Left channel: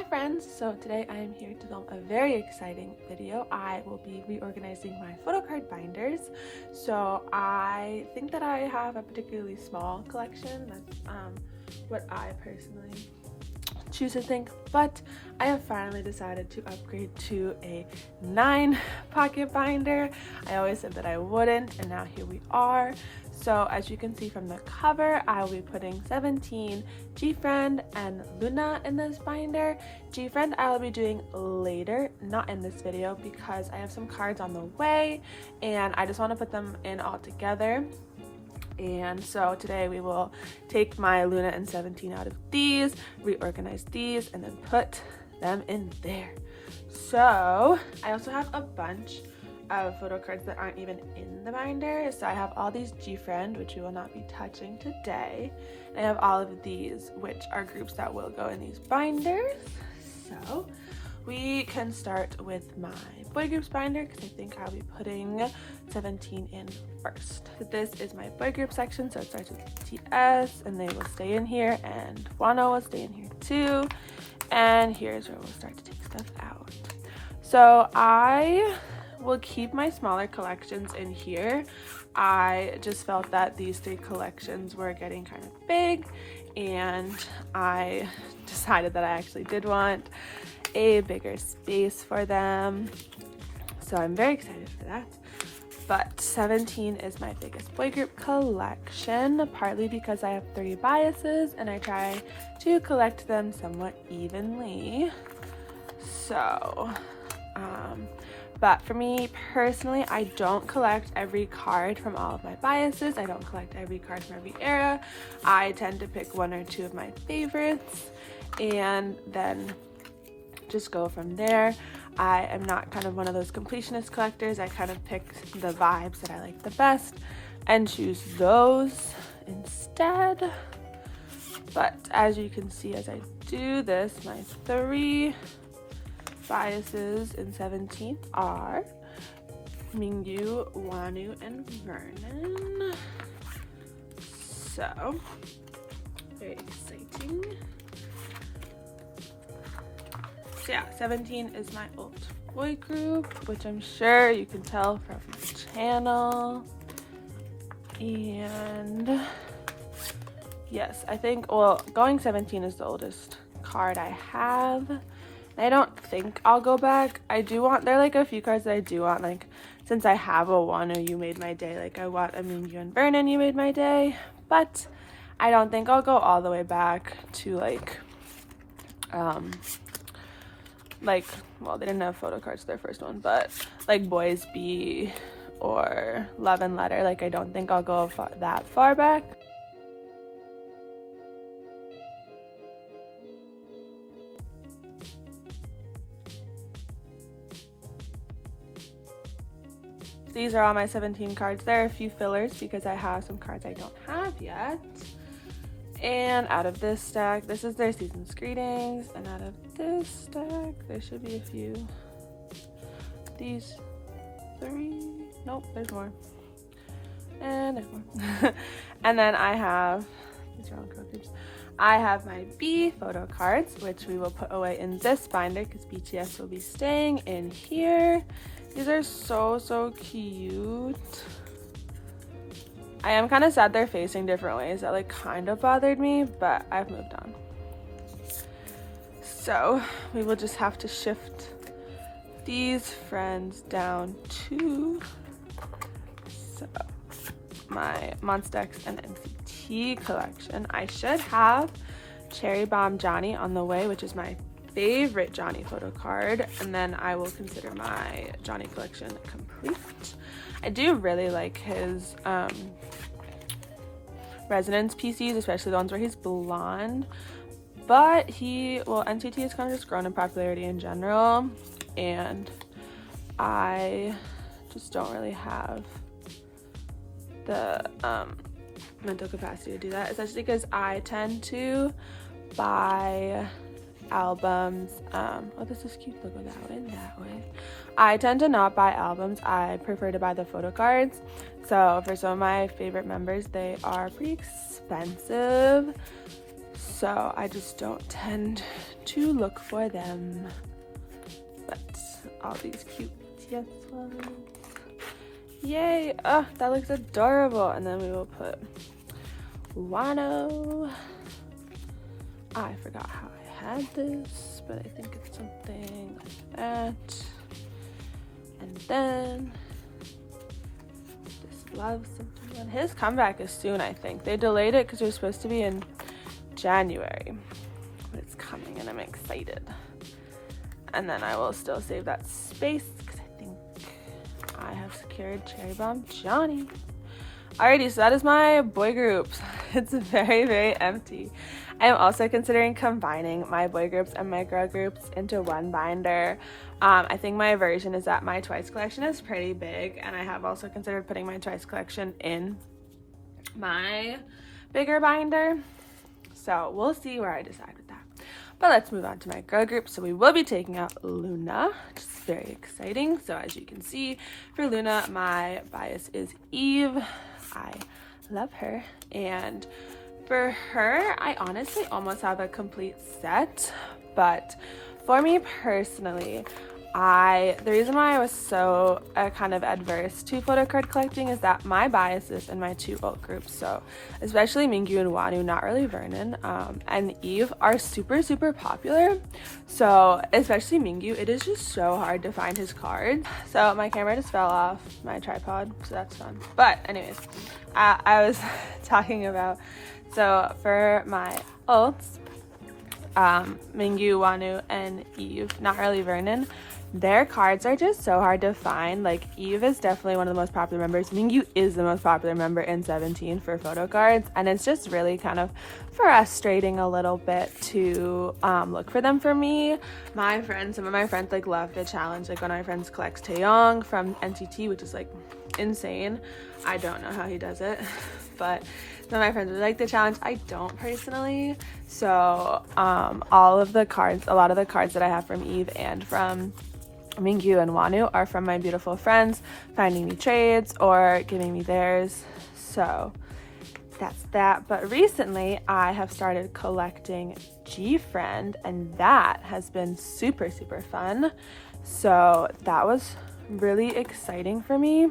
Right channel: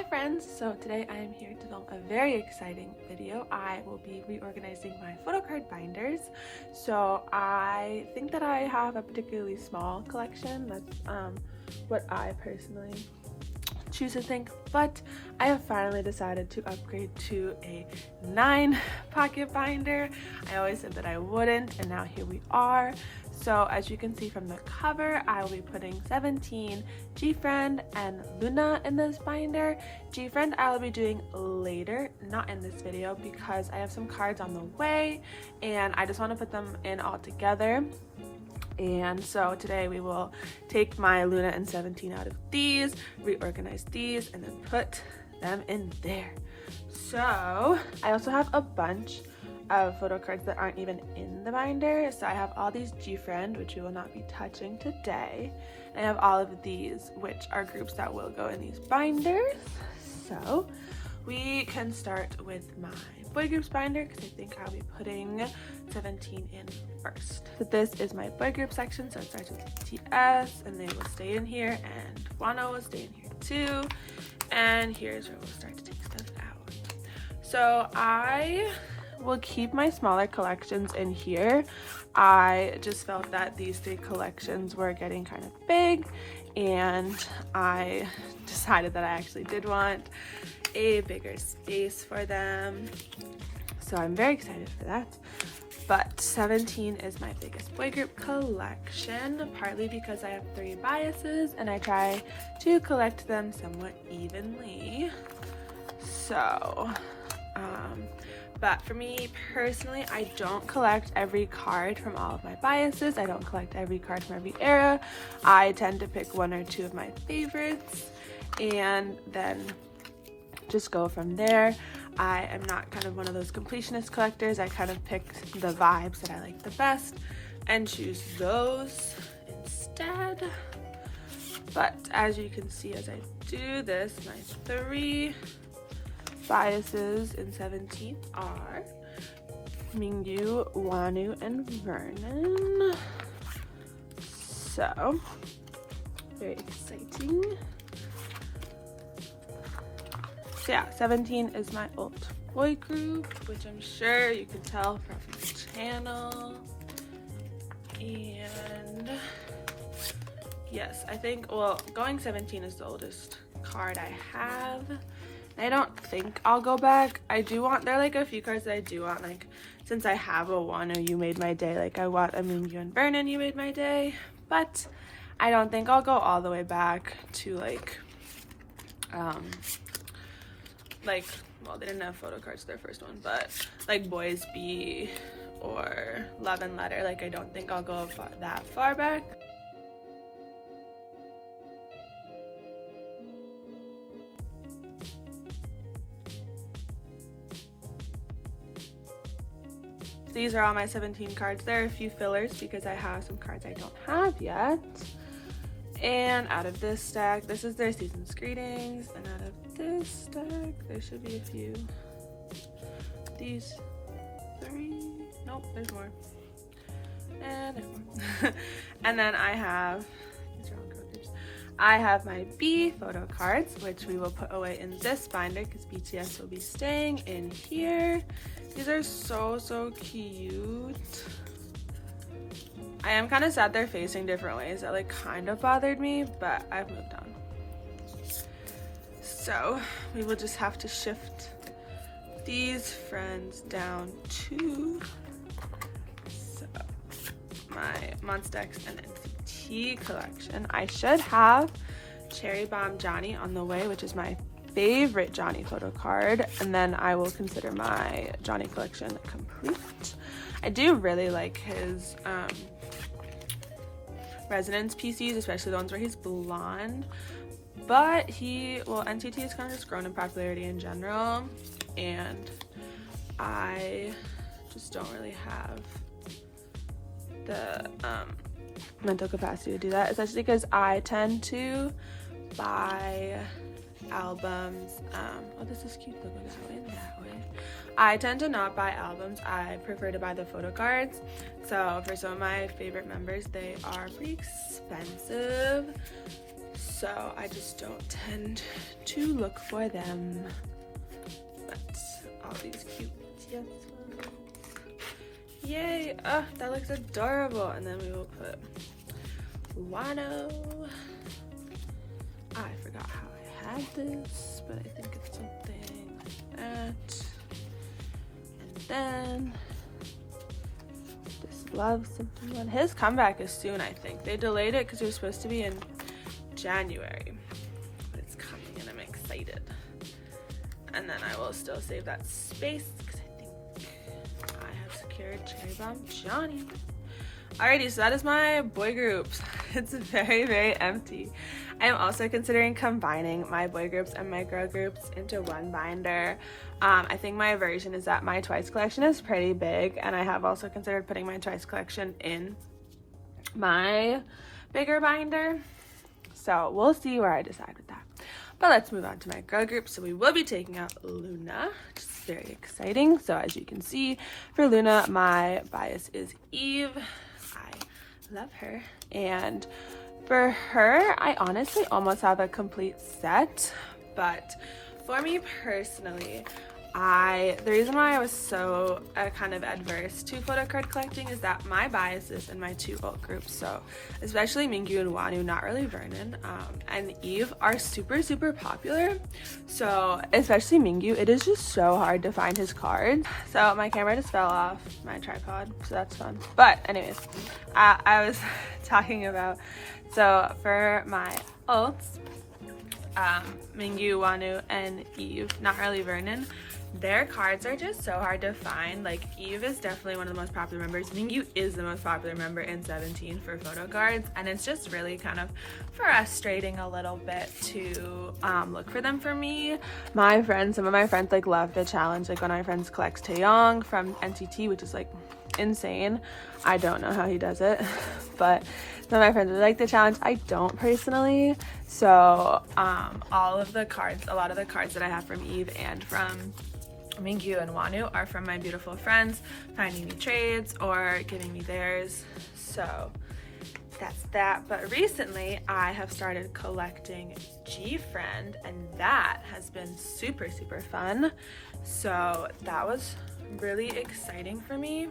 Hi friends! So today I am here to film a very exciting video. I will be reorganizing my photocard binders. So I think that I have a particularly small collection. That's what I personally choose to think, but I have finally decided to upgrade to a 9 pocket binder. I always said that I wouldn't, and now here we are. So as you can see from the cover, I will be putting 17 G-Friend and Luna in this binder. G-Friend I will be doing later, not in this video, because I have some cards on the way and I just want to put them in all together. And so today we will take my Luna and 17 out of these, reorganize these, and then put them in there. So I also have a bunch of photo cards that aren't even in the binder. So I have all these G-Friend, which we will not be touching today. And I have all of these, which are groups that will go in these binders. So we can start with my boy groups binder, because I think I'll be putting 17 in first. So this is my boy group section, so it starts with TS, and they will stay in here, and Wano will stay in here too. And here's where we'll start to take stuff out. So I will keep my smaller collections in here. I just felt that these 3 collections were getting kind of big, and I decided that I actually did want a bigger space for them. So I'm very excited for that. But 17 is my biggest boy group collection, partly because I have 3 biases and I try to collect them somewhat evenly. So, but for me personally, I don't collect every card from all of my biases. I don't collect every card from every era. I tend to pick 1 or 2 of my favorites and then just go from there. I am not kind of one of those completionist collectors. I kind of pick the vibes that I like the best and choose those instead. But as you can see, as I do this, my 3 biases in 17 are Mingyu, Wanu, and Vernon. So, very exciting. So yeah, 17 is my old boy group, which I'm sure you can tell from the channel. And yes, I think, well, going 17 is the oldest card I have. I don't think I'll go back. I do want, there are like a few cards that I do want, like since I have a Wano, You Made My Day, like I want a Mingyu and Vernon, You Made My Day, but I don't think I'll go all the way back to like, well, they didn't have photo cards their first one, but like Boys Be or Love and Letter, like I don't think I'll go that far back. These are all my 17 cards. There are a few fillers because I have some cards I don't have yet. And out of this stack, this is their season's greetings. And out of this stack, there should be a few. These 3. Nope, there's more. And there's one. And then I have, my B photo cards, which we will put away in this binder because BTS will be staying in here. These are so cute. I am kind of sad they're facing different ways. That like kind of bothered me, but I've moved on. So we will just have to shift these friends down to my Monsta X and NCT collection. I should have Cherry Bomb Johnny on the way, which is my favorite Johnny photo card, and then I will consider my Johnny collection complete. I do really like his resonance PCs, especially the ones where he's blonde, but NCT has kind of just grown in popularity in general, and I just don't really have the mental capacity to do that, especially because I tend to buy albums, oh, this is cute, look that way. I tend to not buy albums. I prefer to buy the photo cards. So for some of my favorite members, they are pretty expensive. so I just don't tend to look for them. But all these cute yes ones. Yay! Oh, that looks adorable. And then we will put Wano. I forgot how I had this, but I think it's something like that. And then this Love Symptom one. His comeback is soon, I think. They delayed it because it was supposed to be in January. But it's coming and I'm excited. And then I will still save that space because I think I have secured Cherry Bomb Johnny. Alrighty, so that is my boy groups. It's very, very empty. I am also considering combining my boy groups and my girl groups into one binder. I think my aversion is that my Twice collection is pretty big, and I have also considered putting my Twice collection in my bigger binder. So we'll see where I decide with that. But let's move on to my girl group. So we will be taking out Luna, which is very exciting. So as you can see, for Luna, my bias is Eve. I love her. And for her, I honestly almost have a complete set, but for me personally, the reason why I was so kind of adverse to photocard collecting is that my biases in my two alt groups, so especially Mingyu and Wanu, not really Vernon, and Eve are super, super popular. So especially Mingyu, it is just so hard to find his cards. So my camera just fell off my tripod, so that's fun. But anyways, I was talking about, so for my alts, Mingyu, Wanu, and Eve, not really Vernon, their cards are just so hard to find. Like, Eve is definitely one of the most popular members. Mingyu is the most popular member in 17 for photocards, and it's just really kind of frustrating a little bit to look for them for me. Some of my friends like love the challenge. Like, one of my friends collects Taeyong from NCT, which is like insane. I don't know how he does it, but some of my friends really like the challenge. I don't personally. So a lot of the cards that I have from Eve and from Mingyu and Wanu are from my beautiful friends finding me trades or giving me theirs. So that's that. But recently I have started collecting G-Friend, and that has been super, super fun. So that was really exciting for me,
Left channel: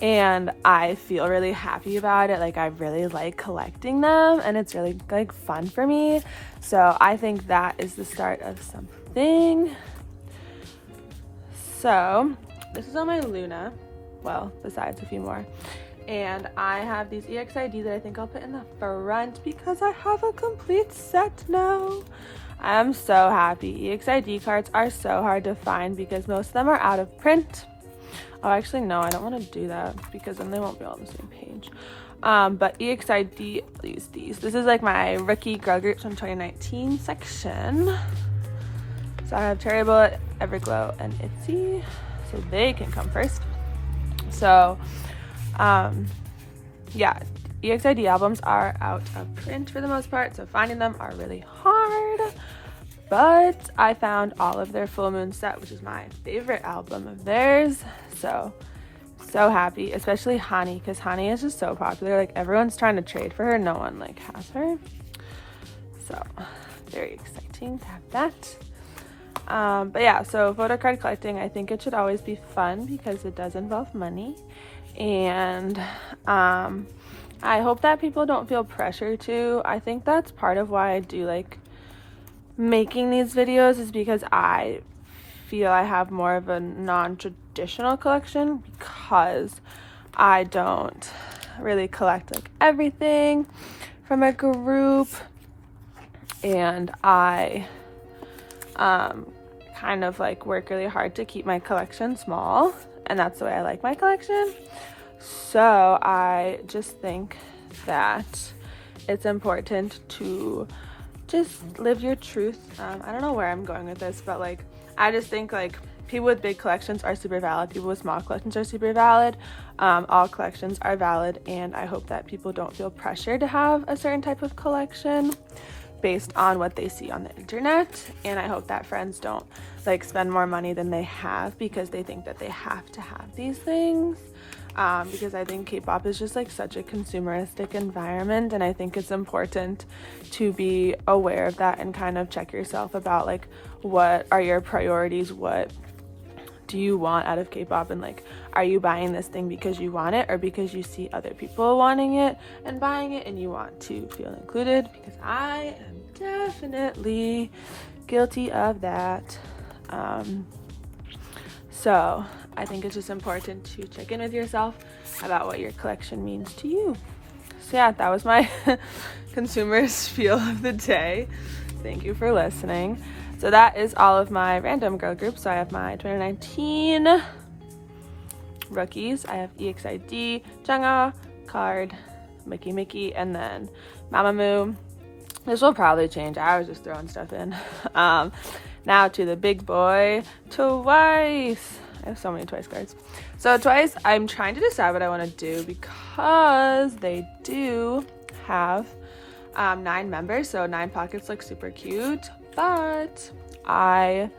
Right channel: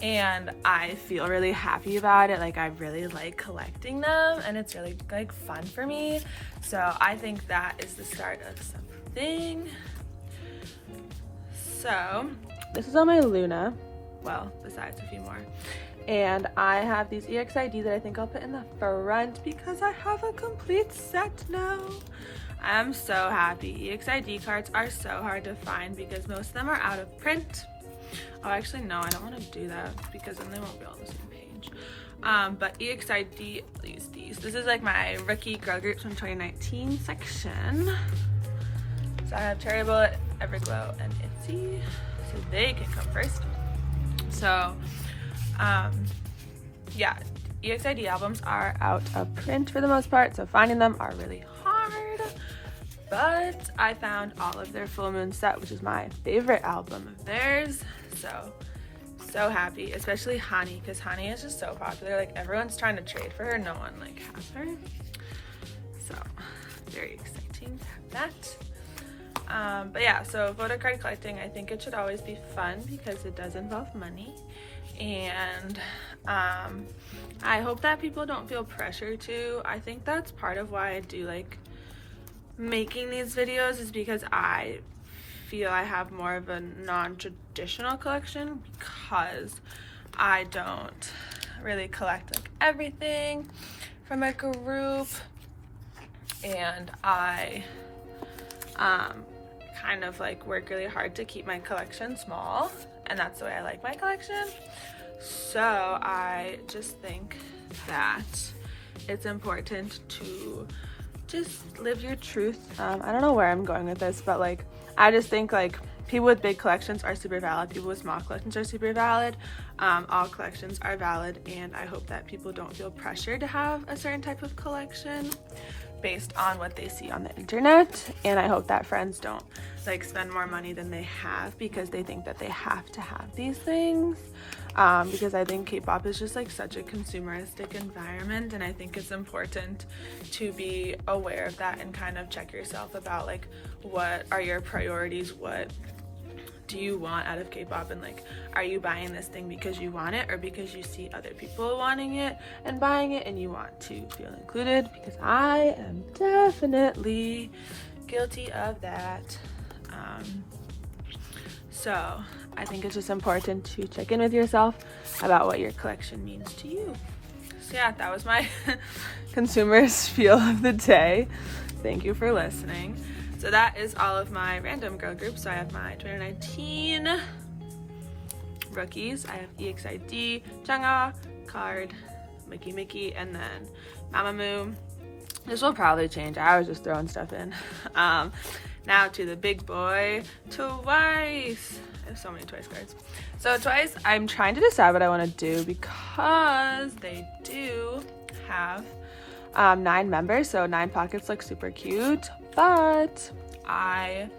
and I feel really happy about it. Like, I really like collecting them, and it's really like fun for me. So I think that is the start of something. So this is all my Luna, well, besides a few more. And I have these EXID that I think I'll put in the front because I have a complete set now. I'm so happy. EXID cards are so hard to find because most of them are out of print. Oh, actually, no, I don't want to do that because then they won't be all on the same page. But EXID, I'll use these. This is like my rookie girl group from 2019 section. So I have Cherry Bullet, Everglow, and Itzy. So they can come first. So, yeah, EXID albums are out of print for the most part, so finding them are really hard. But I found all of their Full Moon set, which is my favorite album of theirs. So happy, especially Hani, because Hani is just so popular. Like, everyone's trying to trade for her, no one like has her. So very exciting to have that. But yeah, so photocard collecting, I think it should always be fun because it does involve money, and I hope that people don't feel pressure to. I think that's part of why I do like making these videos, is because I feel I have more of a non-traditional collection because I don't really collect like everything from a group, and I kind of like work really hard to keep my collection small, and that's the way I like my collection. So I just think that it's important to just live your truth. I don't know where I'm going with this, but like, I just think like people with big collections are super valid, people with small collections are super valid. All collections are valid, and I hope that people don't feel pressure to have a certain type of collection based on what they see on the internet. And I hope that friends don't like spend more money than they have because they think that they have to have these things. Because I think K-pop is just like such a consumeristic environment, and I think it's important to be aware of that and kind of check yourself about like what are your priorities, what do you want out of K-pop, and like are you buying this thing because you want it or because you see other people wanting it and buying it and you want to feel included, because I am definitely guilty of that. So I think it's just important to check in with yourself about what your collection means to you. So yeah, that was my consumer spiel of the day. Thank you for listening. So that is all of my random girl groups. So I have my 2019 rookies. I have EXID, Jungha, Card, Mickey, and then Mamamoo. This will probably change. I was just throwing stuff in. Now to the big boy, Twice. I have so many Twice cards. So Twice, I'm trying to decide what I want to do because they do have 9 members, so 9 pockets look super cute. But I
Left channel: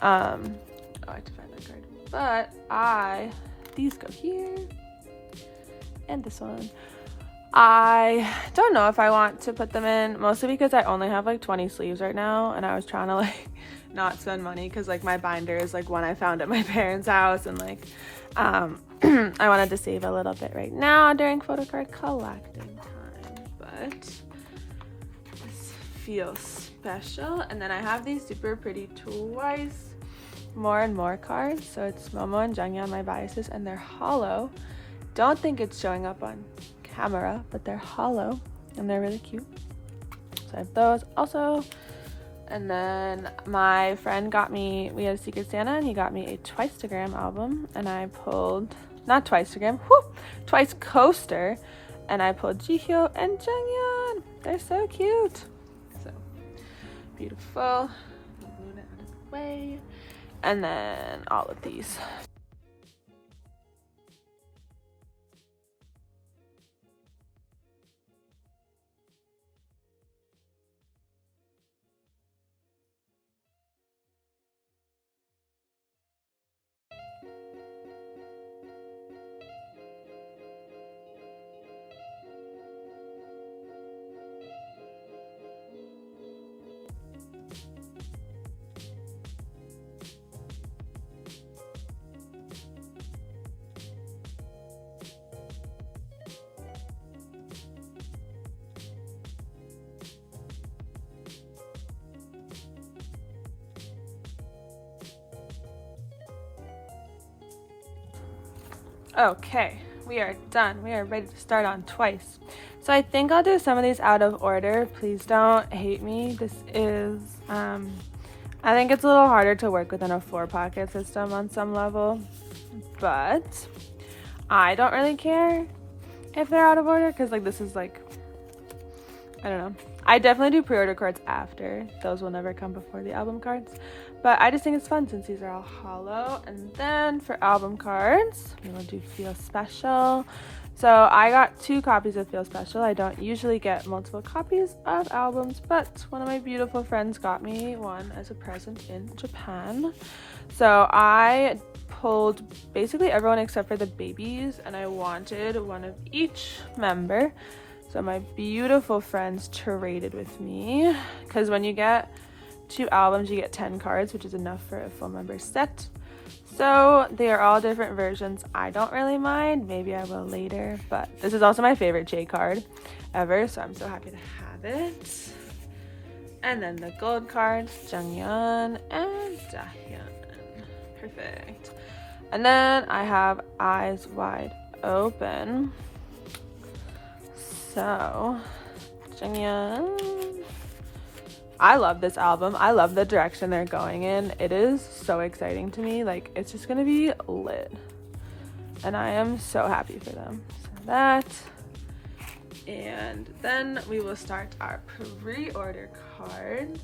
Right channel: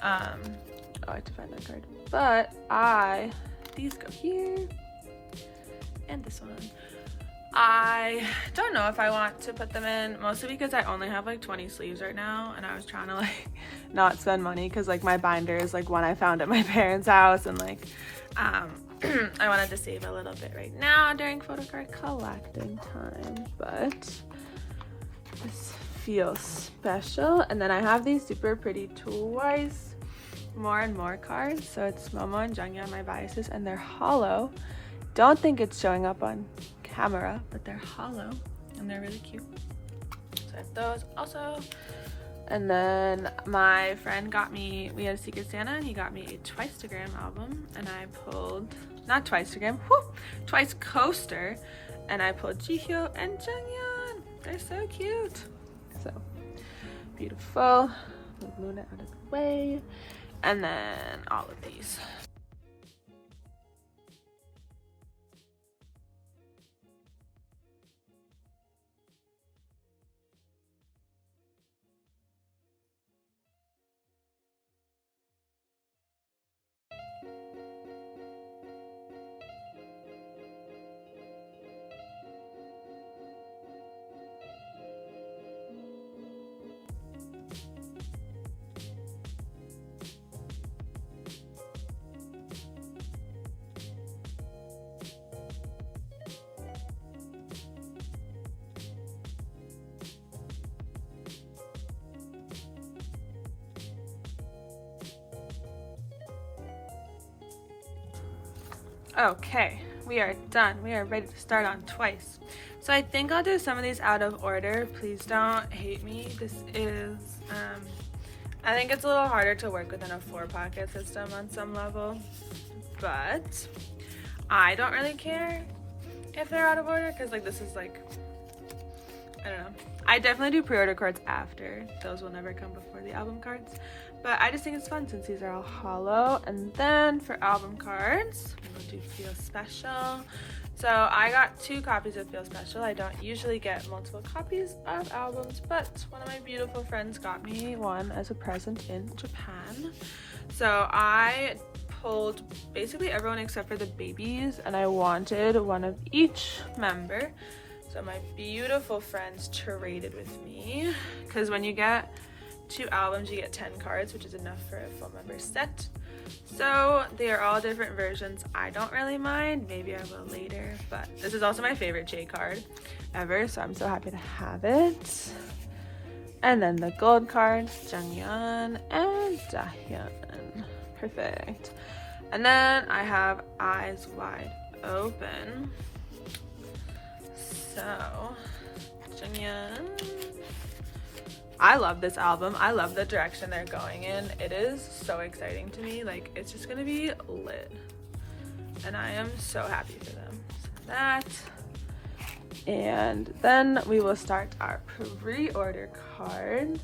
have to find that card. But these go here, and this one. I don't know if I want to put them in, mostly because I only have like 20 sleeves right now, and I was trying to like not spend money because like my binder is like one I found at my parents' house, and like I wanted to save a little bit right now during Photocard collecting time, but this feels special. And then I have these super pretty Twice more and more cards, so it's Momo and Jungha, my biases, and they're hollow. Don't think it's showing up on camera, but they're hollow and they're really cute. So I have those also. And then my friend got me, we had a Secret Santa, and he got me a Twice-tagram album, and I pulled, not Twice-tagram, Twice coaster, and I pulled Jihyo and Junghyun. They're so cute. So beautiful. Move Luna out of the way. And then all of these. Okay, we are done. We are ready to start on Twice. So I think I'll do some of these out of order. Please don't hate me. This is, I think it's a little harder to work within a 4-pocket system on some level, but I don't really care if they're out of order, because like this is like, I don't know. I definitely do pre-order cards after. Those will never come before the album cards. But I just think it's fun since these are all hollow. And then for album cards, we'll do Feel Special. So I got 2 copies of Feel Special. I don't usually get multiple copies of albums, but one of my beautiful friends got me one as a present in Japan. So I pulled basically everyone except for the babies, and I wanted one of each member. So my beautiful friends traded with me, because when you get 2 albums, you get 10 cards, which is enough for a full member set. So they are all different versions. I don't really mind. Maybe I will later, but this is also my favorite J card ever, so I'm so happy to have it. And then the gold cards, Junghyun and Dahyun. Perfect. And then I have Eyes Wide Open. So, Junghyun. I love this album. I love the direction they're going in. It is so exciting to me. Like, it's just gonna be lit. And I am so happy for them. So that. And then we will start our pre-order cards.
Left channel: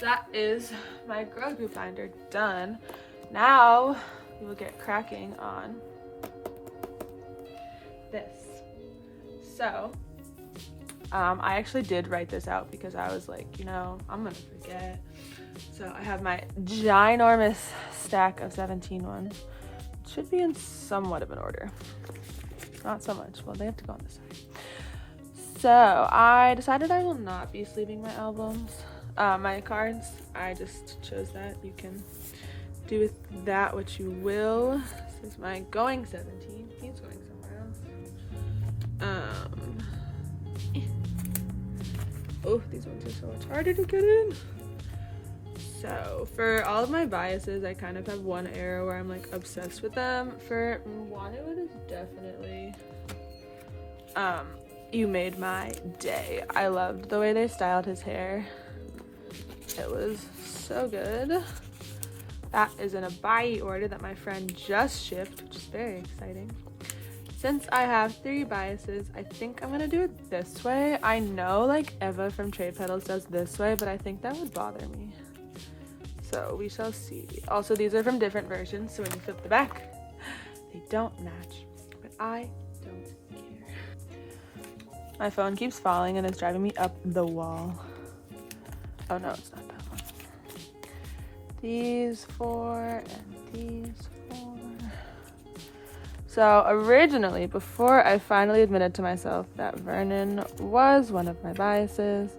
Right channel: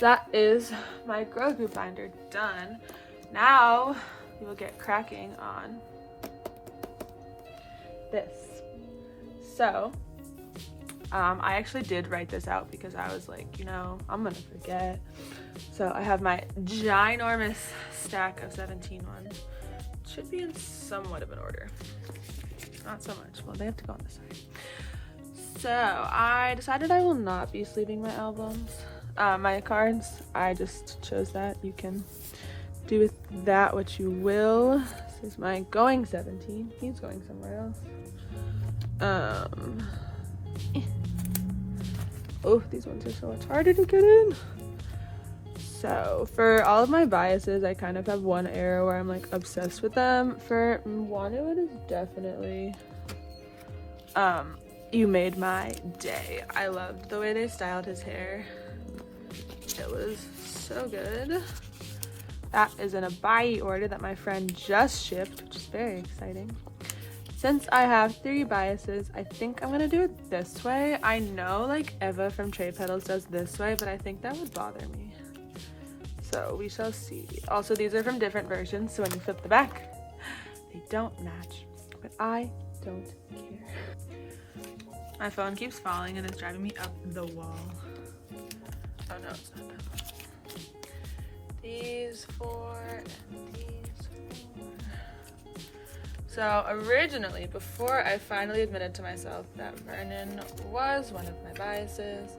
That is my growth group binder done. Now we will get cracking on this. So I actually did write this out because I was like, you know, I'm gonna forget. So I have my ginormous stack of 17 ones. It should be in somewhat of an order. Not so much. Well, they have to go on the side. So I decided I will not be sleeving my albums. My cards, I just chose that. You can do with that what you will. This is my going 17. He's going somewhere else. Oh, these ones are so much harder to get in. So for all of my biases, I kind of have one era where I'm like obsessed with them. For one, it is definitely You Made My Day. I loved the way they styled his hair. It was so good. That is in a buy order that my friend just shipped, which is very exciting. Since I have 3 biases, I think I'm gonna do it this way. I know like Eva from Trade Petals does this way, but I think that would bother me. So we shall see. Also, these are from different versions, so when you flip the back, they don't match, but I don't care. My phone keeps falling and it's driving me up the wall. Oh no, it's not that one. These 4 and these 4. So originally, before I finally admitted to myself that Vernon was one of my biases,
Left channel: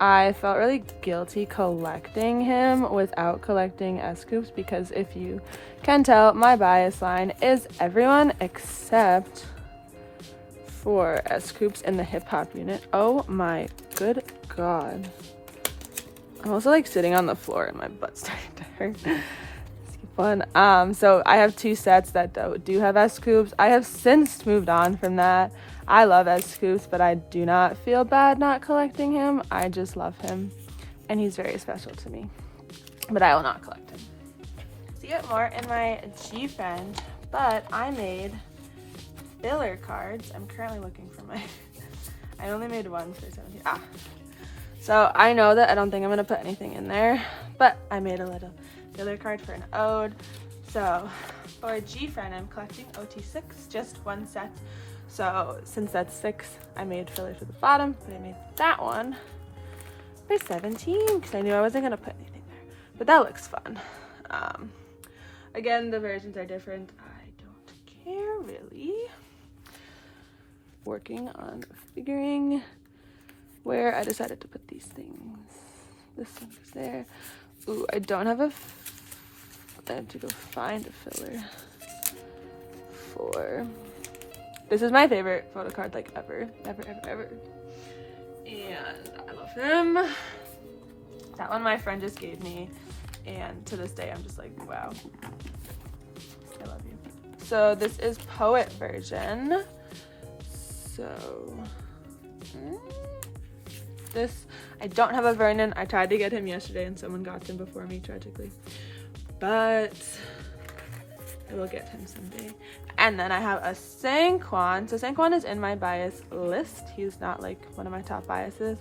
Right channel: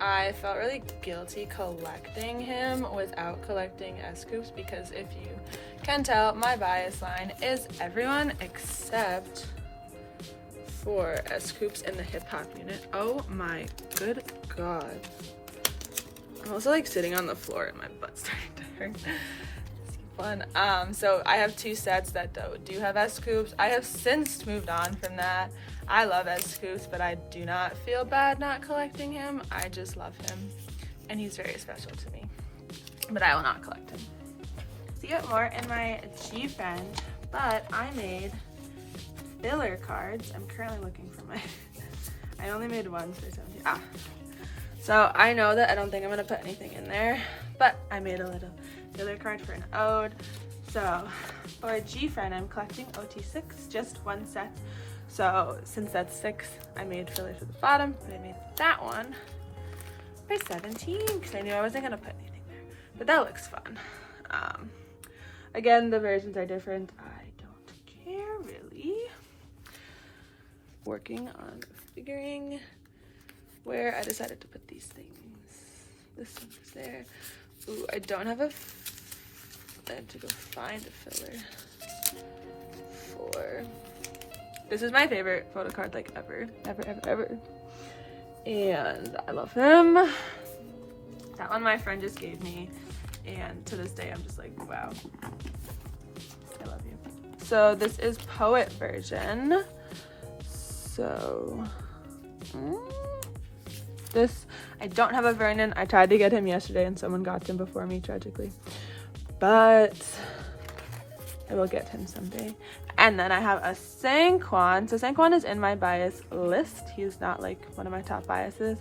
I felt really guilty collecting him without collecting S-Scoops, because if you can tell, my bias line is everyone except for S-Scoops in the hip-hop unit. Oh my good god. I'm also like sitting on the floor and my butt's starting to hurt. Fun. So I have 2 sets that do have S-Scoops. I have since moved on from that. I love S-Scoops, but I do not feel bad not collecting him. I just love him, and he's very special to me. But I will not collect him. See it more in my G Friend, but I made filler cards. I'm currently looking for my... I only made one for 17. So I know that I don't think I'm gonna put anything in there, but I made a little filler card for an ode. So for a G Friend, I'm collecting OT6, just 1 set. So since that's 6, I made filler for the bottom, but I made that one for 17 because I knew I wasn't gonna put anything there. But that looks fun. Again, the versions are different. I don't care really. Working on figuring where I decided to put these things. This one's there. Ooh, I don't have I had to go find a filler for... This is my favorite photo card, like ever. And I love him. That one my friend just gave me, and to this day I'm just like, wow, I love you. So this is poet version. So this, I don't have a Vernon. I tried to get him yesterday and someone got him before me, tragically, but I will get him someday. And then I have a Sanquan. So Sanquan is in my bias list. He's not like one of my top biases,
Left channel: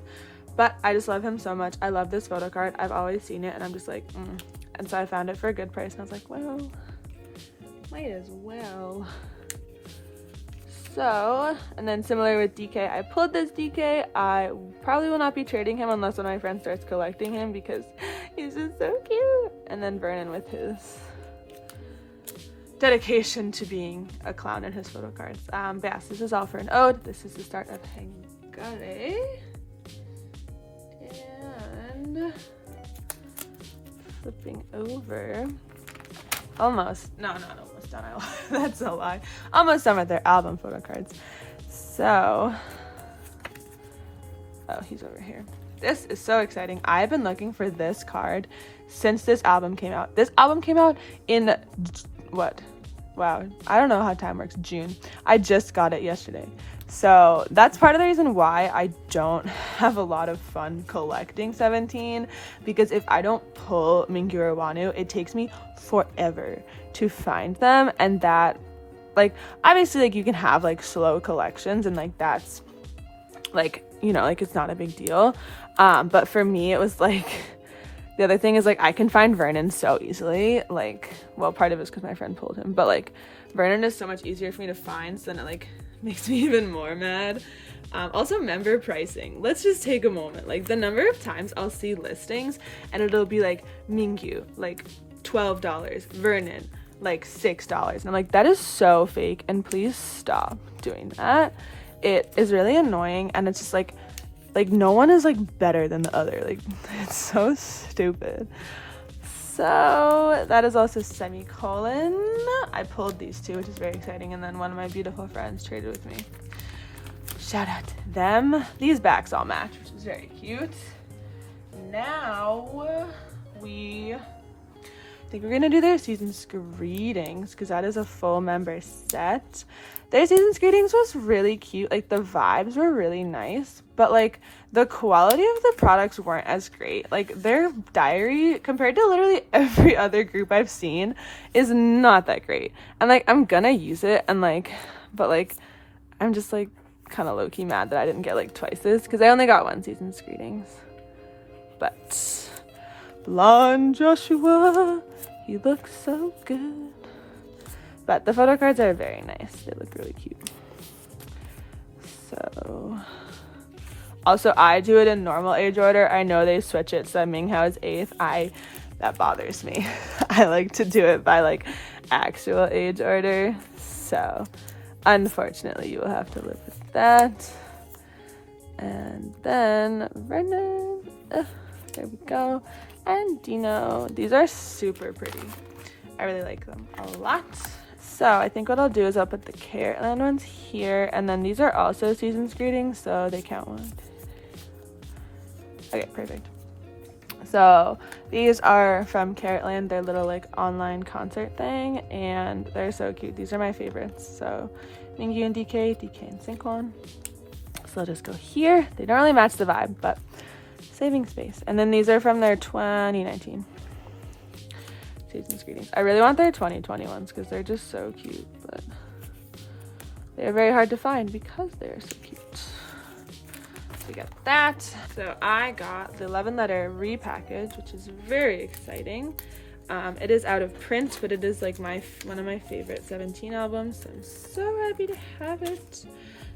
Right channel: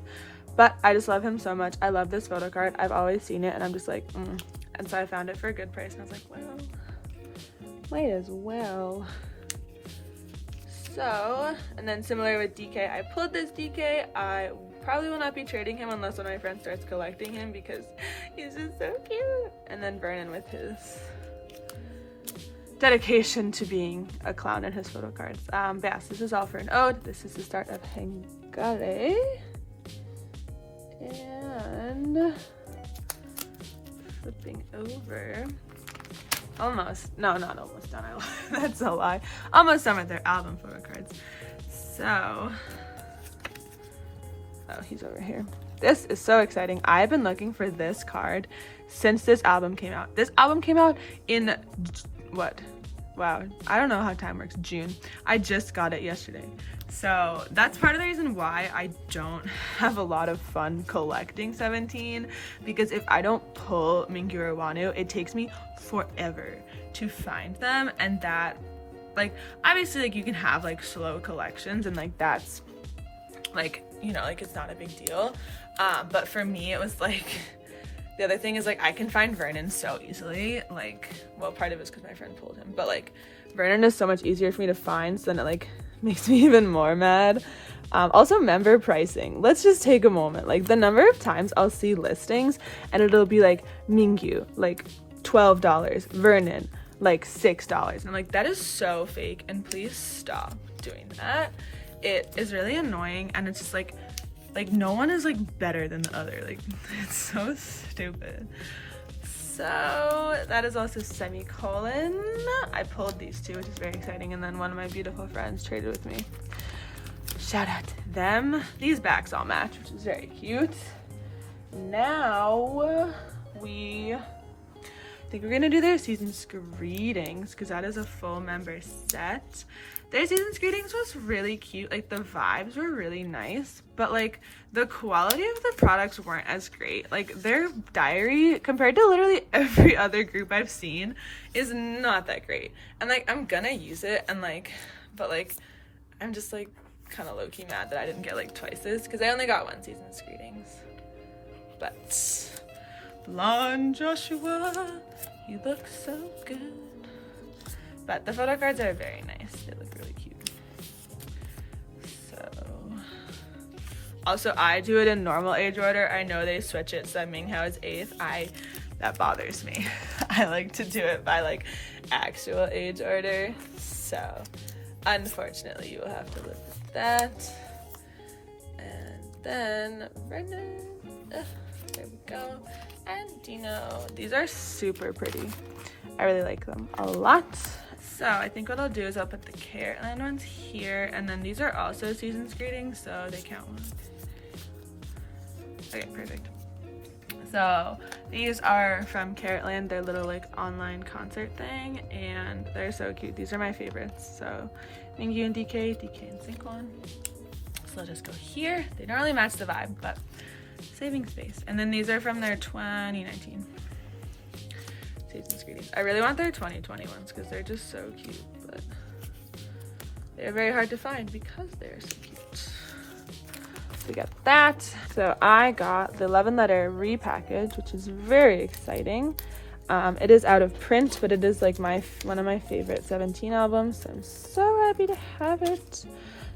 but I just love him so much. I love this photo card. I've always seen it and I'm just like, And so I found it for a good price and I was like, well, might as well. So, and then similar with DK, I pulled this DK. I probably will not be trading him unless one of my friends starts collecting him because he's just so cute. And then Vernon with his dedication to being a clown in his photo cards. But yes, this is all for an ode. This is the start of Hengare. And flipping over. Not almost done. That's a lie. Almost done with their album photo cards. So, oh, he's over here. This is so exciting. I've been looking for this card since this album came out. This album came out in what? Wow, I don't know how time works. June. I just got it yesterday. So that's part of the reason why I don't have a lot of fun collecting 17, because if I don't pull Mingyuro Wanu, it takes me forever to find them. And that, like, obviously, like, you can have like slow collections and like that's like, you know, like it's not a big deal. But for me, it was like The other thing is, like, I can find Vernon so easily. Like, well, part of it's because my friend pulled him, but like Vernon is so much easier for me to find, so then it like makes me even more mad. Also, member pricing. Let's just take a moment. Like, the number of times I'll see listings and it'll be like Mingyu, like $12, Vernon, like $6. And I'm like, that is so fake, and please stop doing that. It is really annoying, and it's just like no one is like better than the other. Like, it's so stupid. So that is also semicolon. I pulled these two, which is very exciting, and then one of my beautiful friends traded with me. Shout out to them. These backs all match, which is very cute. Now I think we're gonna do their season's greetings, because that is a full member set. Their season's greetings was really cute. Like, the vibes were really nice, but like the quality of the products weren't as great. Like, their diary, compared to literally every other group I've seen, is not that great. And like, I'm gonna use it, and like, but like, I'm just like kind of low-key mad that I didn't get like twice this, because I only got one season's greetings. But blonde Joshua, you look so good. But the photo cards are very nice. They look really cute. So, also, I do it in normal age order. I know they switch it so Minghao is 8th. That bothers me. I like to do it by like actual age order. So, unfortunately, you will have to live with that. And then Vernon. There we go. And Dino. These are super pretty. I really like them a lot. So I think what I'll do is I'll put the Carrotland ones here, and then these are also season's greetings, so they count one. Okay, perfect. So these are from Carrotland, their little like online concert thing, and they're so cute. These are my favorites. So Mingyu and DK and Synchron. So I'll just go here. They don't really match the vibe, but saving space. And then these are from their 2019 season's greetings. I really want their 2020 ones because they're just so cute, but they're very hard to find because they're so cute. So we got that. So I got the 11-letter repackage, which is very exciting. It is out of print, but it is like one of my favorite 17 albums, so I'm so happy to have it.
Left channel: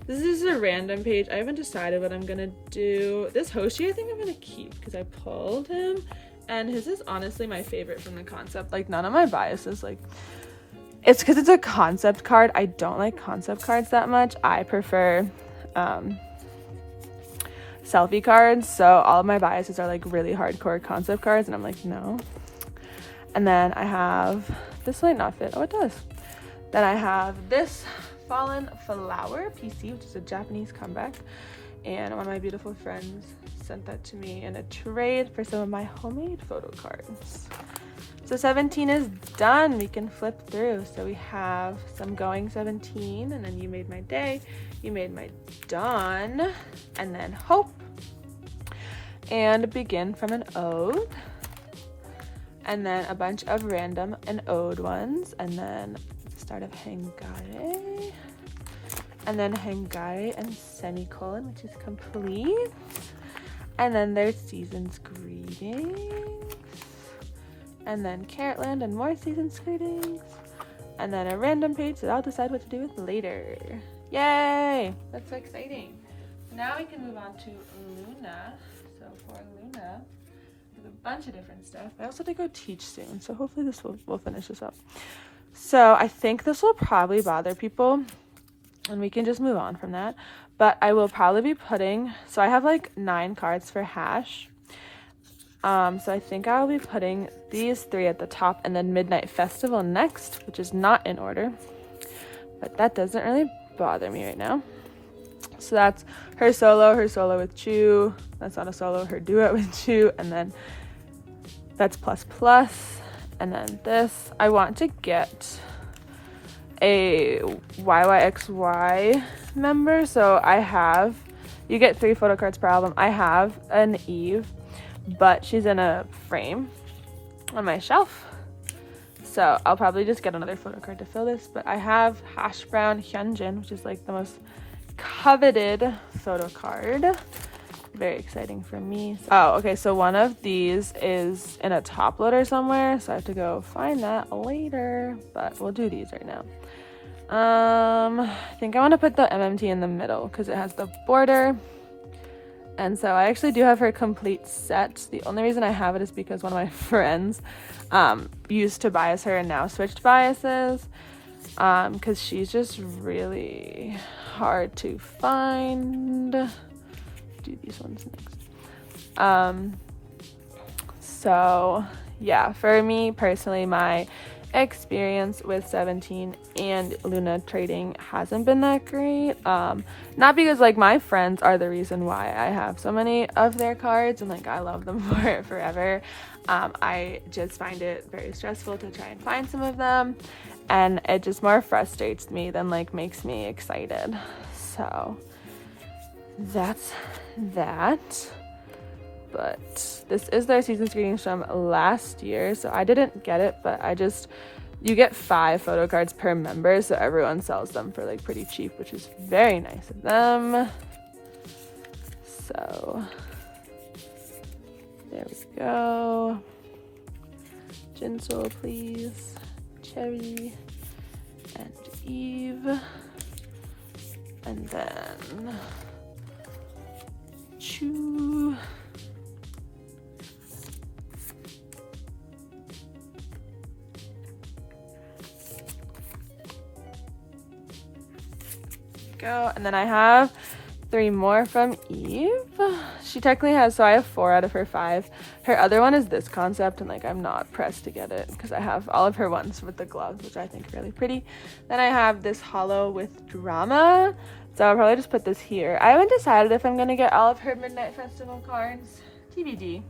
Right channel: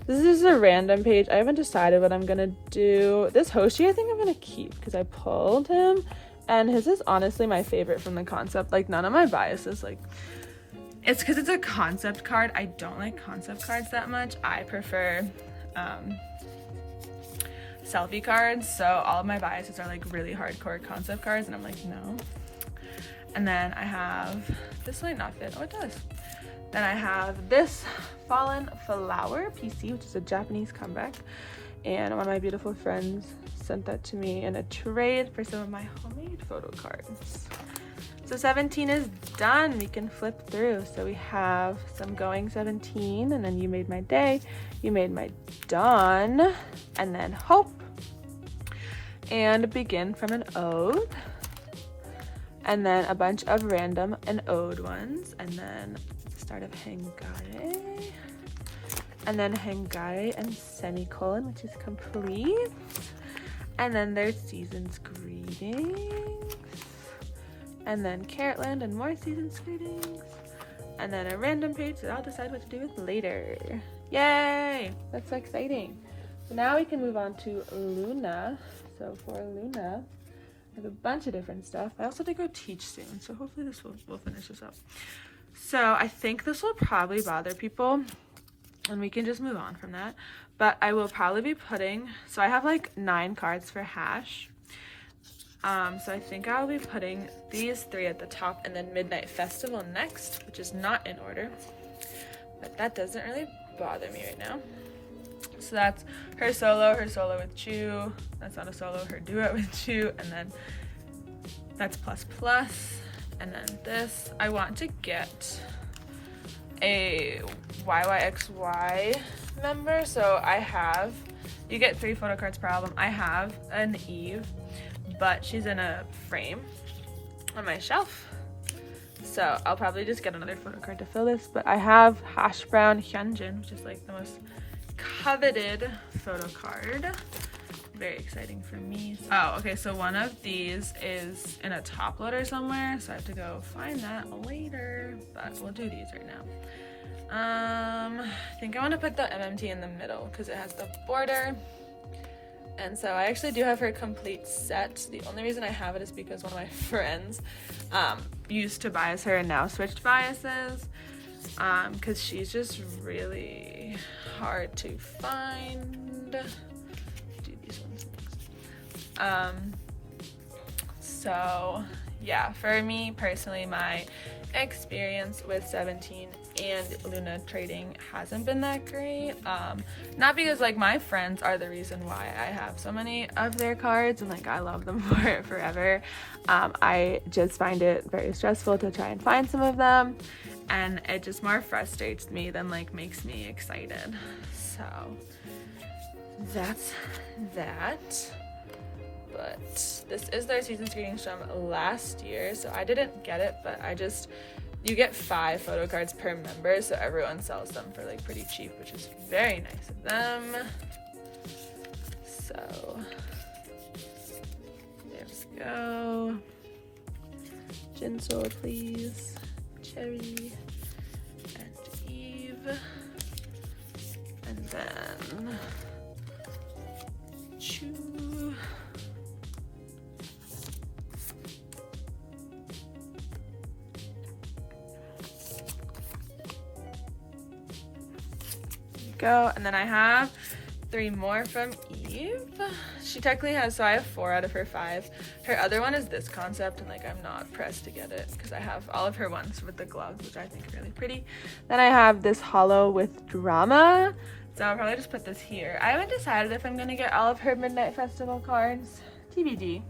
This is a random page. I haven't decided what I'm gonna do. This Hoshi I think I'm gonna keep because I pulled him, and his is honestly my favorite from the concept. Like, none of my biases, like, it's because it's a concept card. I don't like concept cards that much. I prefer selfie cards, so all of my biases are like really hardcore concept cards, and I'm like, no. And then I have, this might not fit. Oh, it does. Then I have this Fallen Flower PC, which is a Japanese comeback, and one of my beautiful friends sent that to me in a trade for some of my homemade photo cards. So 17 is done. We can flip through. So we have some going 17, and then you made my day, you made my dawn, and then hope, and begin from an ode, and then a bunch of random and ode ones, and then start of Hengare, and then Hengare and semicolon, which is complete, and then there's season's greetings, and then Carrotland and more season's greetings, and then a random page that I'll decide what to do with later. Yay! That's so exciting. So now we can move on to Luna. So for Luna, I have a bunch of different stuff. I also have to go teach soon, so hopefully this will finish this up. So I think this will probably bother people, and we can just move on from that. But I will probably be putting, so I have like 9 cards for hash. So I think I'll be putting these 3 at the top, and then Midnight Festival next, which is not in order. But that doesn't really bother me right now. So that's her solo with Chu. That's not a solo, her duet with Chu, and then that's plus plus. And then this, I want to get a YYXY member. So I have, you get 3 photo cards per album. I have an Eve, but she's in a frame on my shelf. So I'll probably just get another photo card to fill this. But I have Hash Brown Hyunjin, which is like the most coveted photo card. very exciting for me. Oh, okay, so one of these is in a top loader somewhere, so I have to go find that later, but we'll do these right now. I think I want to put the MMT in the middle because it has the border. And so I actually do have her complete set. The only reason I have it is because one of my friends used to bias her and now switched biases, because she's just really hard to find. Do these ones next. So yeah, for me personally, my experience with 17 and Luna trading hasn't been that great. Not because like my friends are the reason why I have so many of their cards and like I love them for forever. I just find it very stressful to try and find some of them, and it just more frustrates me than like makes me excited. So that's that. But this is their season's greetings from last year, so I didn't get it, but you get 5 photo cards per member, so everyone sells them for like pretty cheap, which is very nice of them. So there we go. Jinsoul, please. Cherry and Eve, and then Chu. Go, and then I have 3 more from Eve. She technically has, so I have 4 out of her 5. Her other one is this concept, and like I'm not pressed to get it because I have all of her ones with the gloves, which I think are really pretty. Then I have this hollow with drama, so I'll probably just put this here. I haven't decided if I'm gonna get all of her Midnight Festival cards, TBD,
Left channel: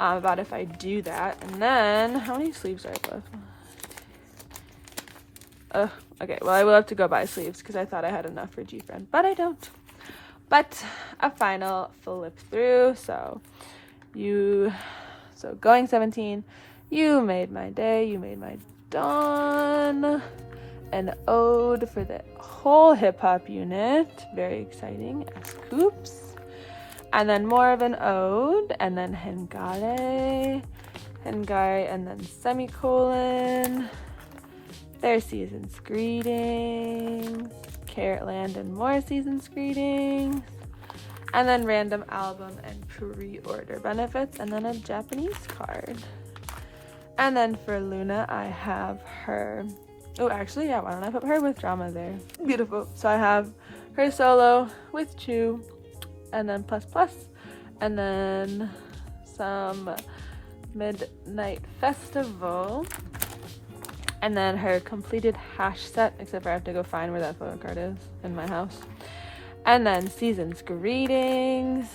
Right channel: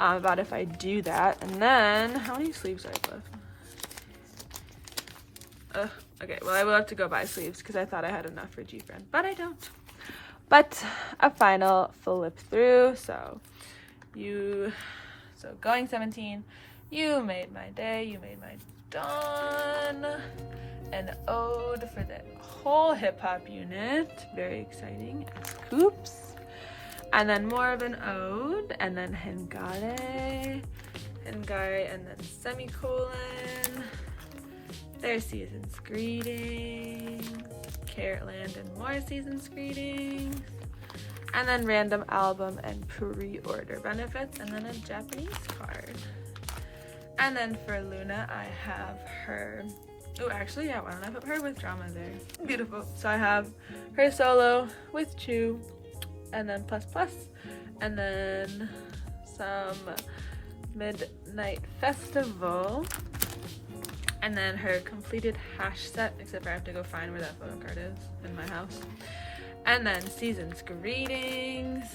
about if I do that. And then how many sleeves do I have left? Okay, well, I will have to go buy sleeves because I thought I had enough for G-Friend, but I don't. But a final flip through. So going 17, you made my day, you made my dawn. An ode for the whole hip-hop unit. Very exciting. Scoops. And then more of an ode, and then Hengare, and then semicolon. Their season's greetings, Carrotland and more season's greetings, and then random album and pre-order benefits, and then a Japanese card. And then for Luna, I have her, oh actually yeah, why don't I put her with drama there? Beautiful. So I have her solo with 2, and then plus, and then some Midnight Festival, and then her completed hash set, except for I have to go find where that photo card is in my house. And then season's greetings,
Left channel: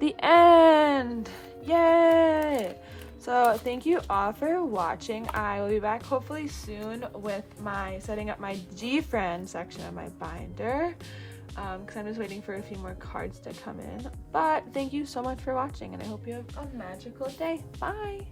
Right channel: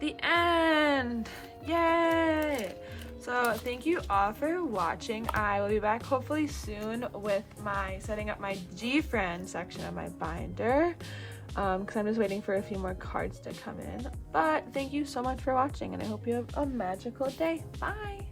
the end, yay! So thank you all for watching. I will be back hopefully soon with setting up my G-Friend section of my binder, because I'm just waiting for a few more cards to come in. But thank you so much for watching, and I hope you have a magical day. Bye!